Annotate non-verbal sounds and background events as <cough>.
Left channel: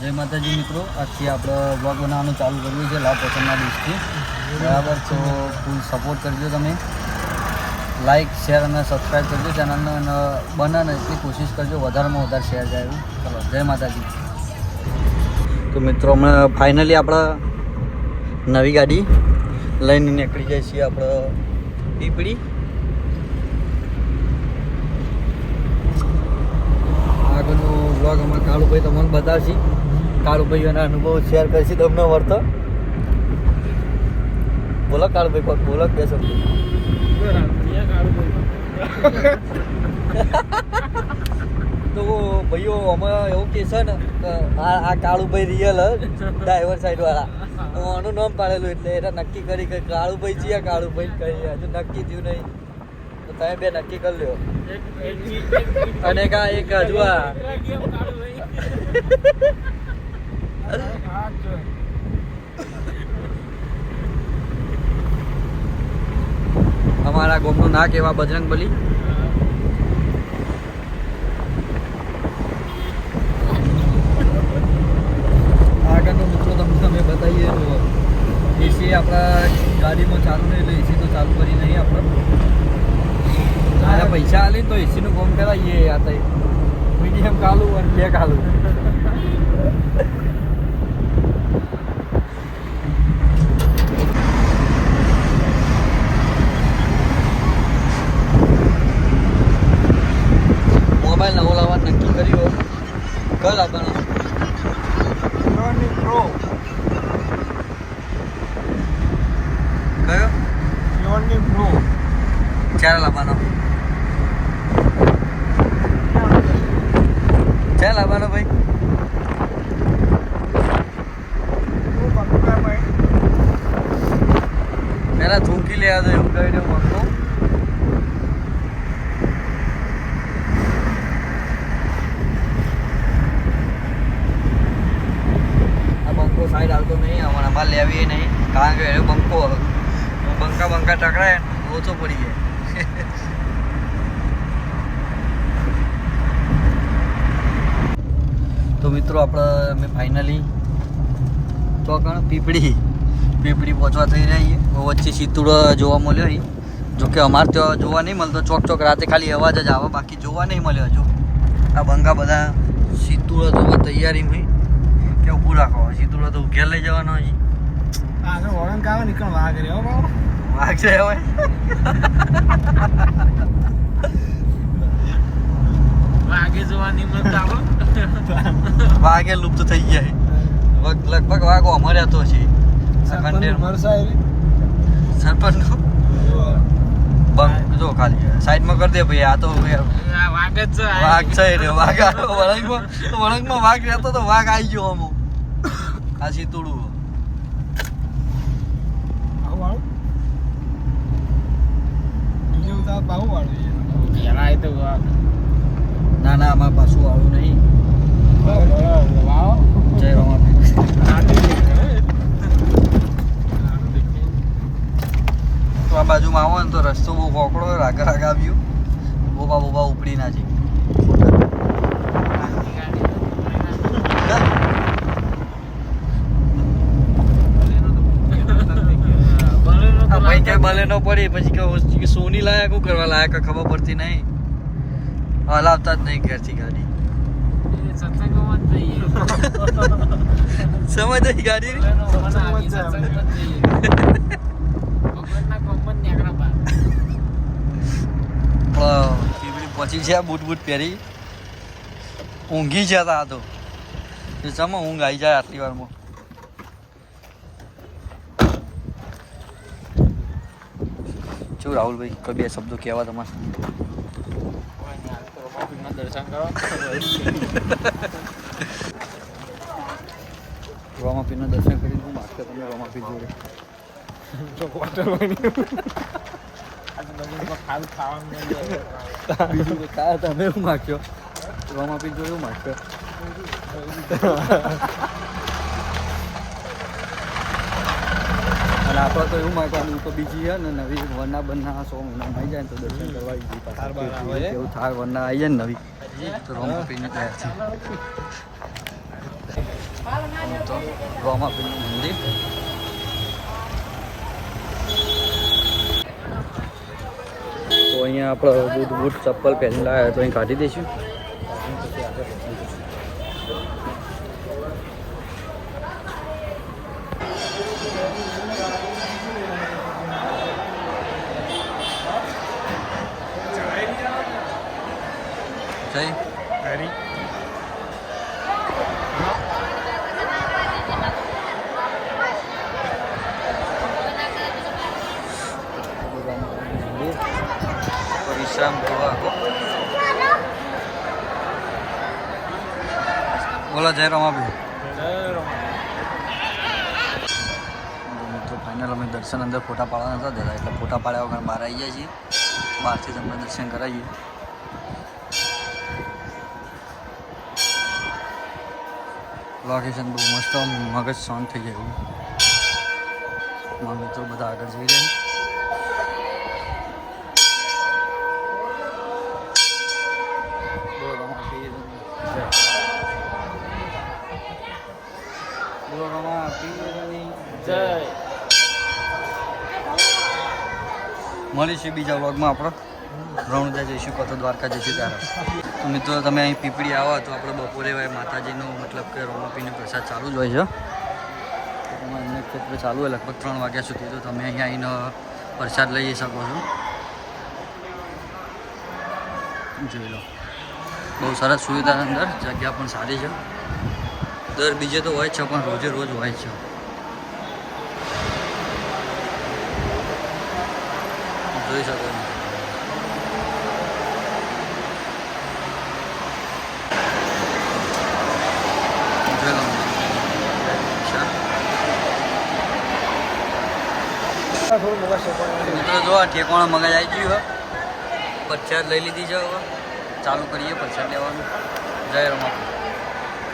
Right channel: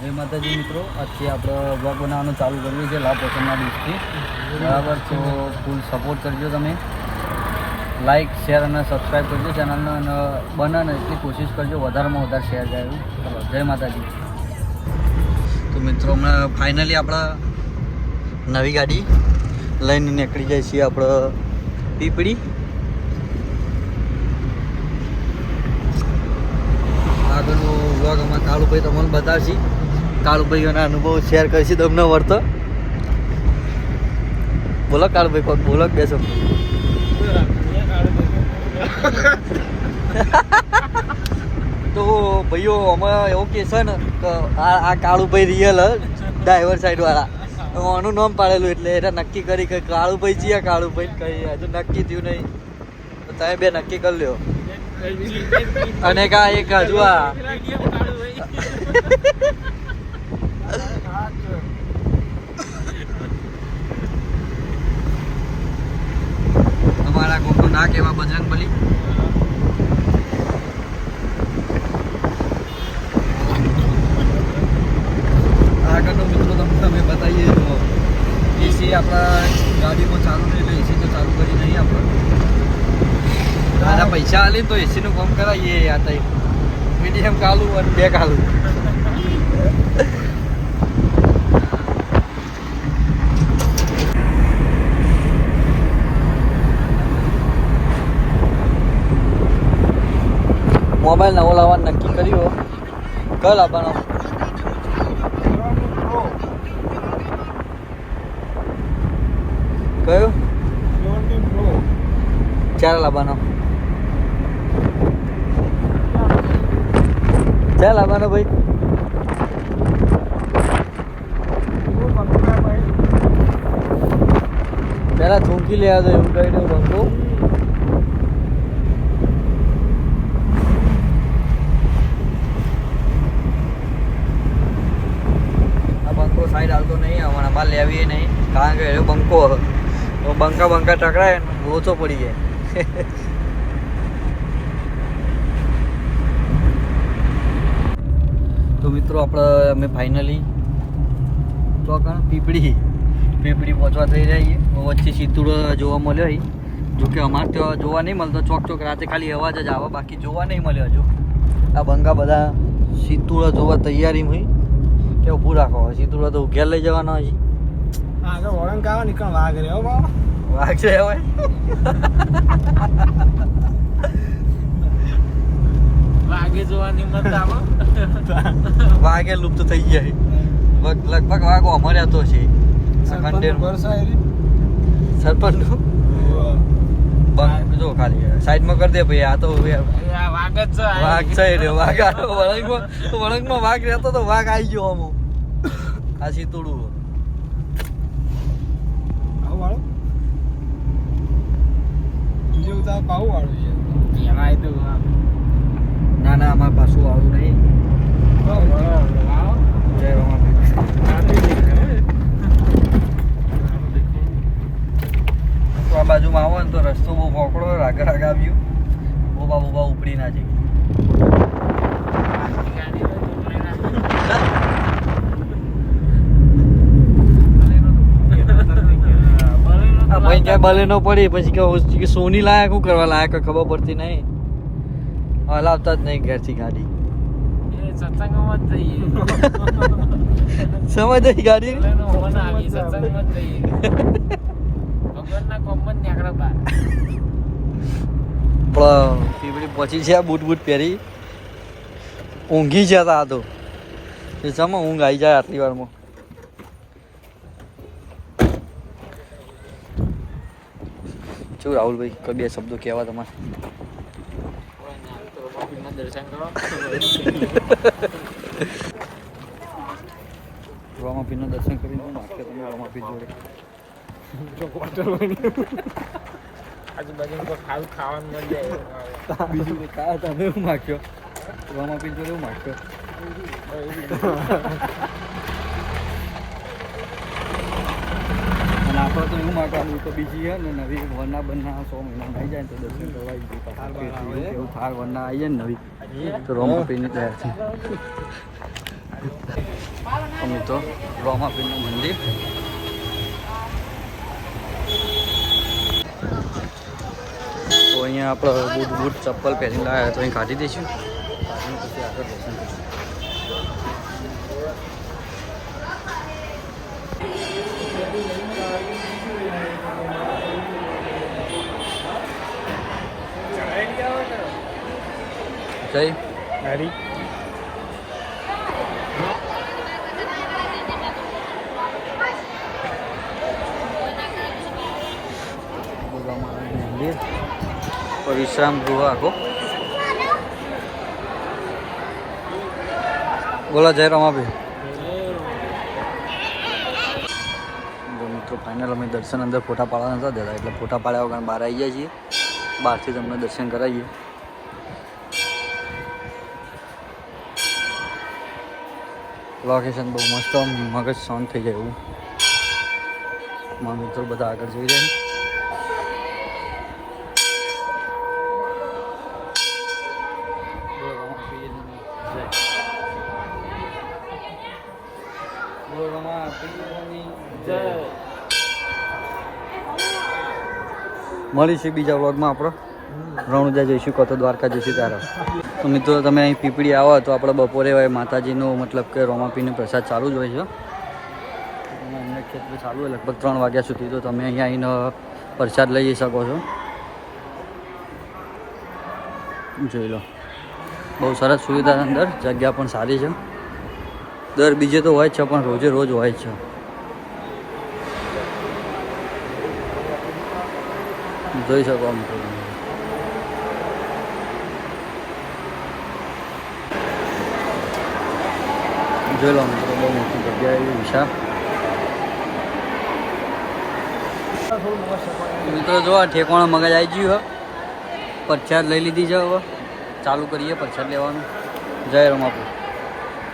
જય માતાજી મિત્રો, આજથી આપણે વ્લોગ બનાવવાનું ચાલુ કર્યું છે લાભ પોષણના દિવસથી. બરાબર, તો ફૂલ સપોર્ટ કરજો તમે. લાઈક શેર અને સબસ્ક્રાઈબ કરજો ચેનલને બને ને એટલી કોશિશ કરજો વધારેમાં વધારે શેર જાય એવું. જય માતાજી. તો મિત્રો હમણાં ફાઇનલી આપણા નવી ગાડી લઈને નીકળી જાય છીએ આપણે પીપળી. આગળનો વ્લોગ અમારા કાળુભાઈ તમને બતાવશે. કાળુભાઈઓના અનુભવ શેર કરશે તમને વર્તો બોલો કાળુભાઈ, પણ બોલો બેસો. <laughs> તો ભાઈઓ અમે એવું કે છે ને આ આ કાળુભાઈ રિયલ ડ્રાઈવર સાઈડ વાળા. આનું નામ પાડેલું એટલે એને નક્કી કરી કે કાળુભાઈ છીએ, કાળુભાઈ. કઈ હજુ નક્કી થયું નહીં. તમે બે નક્કી કરી લ્યો. <laughs> અને કા એક હજુ આ. અમારા ગોપનું નાક એવા બજરંગ બલી. આગળનો મિત્રો તમને તમે બતાવીએ તો એસી આપણા ગાડીમાં ચાલુ નહીં એટલે એસી તો ચાલુ કરી નહીં આપણે. બધા પૈસા આલે તો એસી નું કામ કરાવીએ આ તઈ. મીડિયમ કાલું અને બે કાલું. મોબાઈલ નવો લાવવાનું નક્કી કર્યું કયો લાવવાનો? કયો? ક્યારે લાવવાનો ક્યારે લાવવાનો ભાઈ ચૂંકી લેવા દો એવું કહી દઉં આ બંકો સાઈડ આવતો નહીં, અમારા માલ લેવી નહીં, કારણ કે એ બંકો તો બંકા બંકા ટકરાય ઓછો પડી જાય. તો મિત્રો, આપણે, અમે ફાઇનલી તો પીપળી. પીપળી પહોંચવા થઈ રહ્યા છીએ. વચ્ચે સિત્તુડો જોવા મળ્યો અહીં. જોકે અમારે ત્યાં જોવા નહીં મળતો. ચોક ચોક રાતે ખાલી અવાજ જ આવે. બાકી જોવા નહીં મળ્યો હજુ. આ બંગા બધા સિત્તુડો જોવા તૈયારી હોય. કે ઊભું રાખો. સિત્તુડો તો ઉઘેર લઈ જવાનો હજી વાઘ છે હવે. વાઘે જોવાની વાઘે લુપ્ત થઈ જાય લગભગ વાઘો અમારે તો છે. આ કંડેરમાં સરપંચ બંક જો ખાલી. સાઈડમાં કરી દે ભાઈ આ તો વાઘ છે રે વાઘ આવ્યો. વળંગમાં તો વળંગમાં વાઘ રહેતો તો વાઘ આવી ગયો અમો આ સીતુડું ના ના આમાં પાછું આવું નહીં. વાવ. જય રામ તો આ બાજુમાં આવો ને તો રસ્તો બહુ પોકળો રાગ રાગ આવ્યો. બોબા બોબા ઉપડી ના જઈ. ભાઈ ક્યાં બલે ન પડી? પછી કે સોની લાયક શું કરવા લાયક ખબર પડતી નહીં. હલાવતા જ નહીં ઘેરથી ગાડી. સમજ ગાડી? પણ પીપળી છે બૂટ બૂટ પહેરી. ઊંઘી જતા આ તો. ચમા ઊંઘ આવી જાય આટલી વારમાં. શું રાહુલભાઈ, કોઈ બે શબ્દો કહેવા તમારે. રોમાપીના દર્શન કરીને હું માગતો તમે રોમાપી જોડે. બીજું તો કા તમે એવું માગ્યો રોમાપીર જોડે એવું માગ્યો અને આપણે તો એવું માગવાનું તો બીજી છે ને નવી વરના બનના સો મહિના આવી જાય તો દર્શન કરવા ફેરથી એવું થાય વરના આવી જાય ને નવી તો રોમાપીરની તૈયાર છે તો મિત્રો રોમાપીરનું મંદિર અહીંયા આપણે બૂટ બૂટ ચપ્પલ પહેરીને લાવ્યા તો અહીં કાઢી દઈશું. જય મંદિર પર વિશ્રામ ગૃહ આખો બોલો, જય રમાભાઈ મિત્રો ફાઇનલ અમે દર્શન અંદર ફોટા પાડવાના હતા દેતા એટલે ફોટા પાડ્યા વગર બહાર આવી જાય છીએ. બહારથી તમને દર્શન કરાવીએ. લોકેશન બહુ મસ્ત મગજ શાંત થઈ જાય એવું. મારા મિત્રો બધા આગળ જઈ રહ્યા બોલો રમાપીરની જય. મળીશું બીજા વ્લોગમાં આપણે. રણુજા જઈશું કતો દ્વારકા જઈશું ત્યારે. તો મિત્રો, તમે અહીં પીપળી આવો, તો આપણે બપોરે માતાજીનો મતલબ કે રોમાપીનો પ્રસાદ ચાલુ જ હોય છે. તો અન્ય ક્ષેત્રે ચાલુ હોય, લગભગ ત્રણ વાગ્યા સુધી. તો તમે અહીંયા આવીને પ્રસાદ લઈ શકો છો. જોઈ લો. બહુ સરસ સુવિધા અંદર. જગ્યા પણ સારી છે. દર બીજે તો હોય છે, પણ રોજે રોજ હોય છે. જોઈ શકો જોઈ લો મિત્રો, બહુ મોટી જો આ ઠેકવાણા મગજ આવી ગયું પચાસ લઈ લીધી છે હવે. ચાલુ કરીએ પ્રસાદ લેવાનું. જય રમાપુર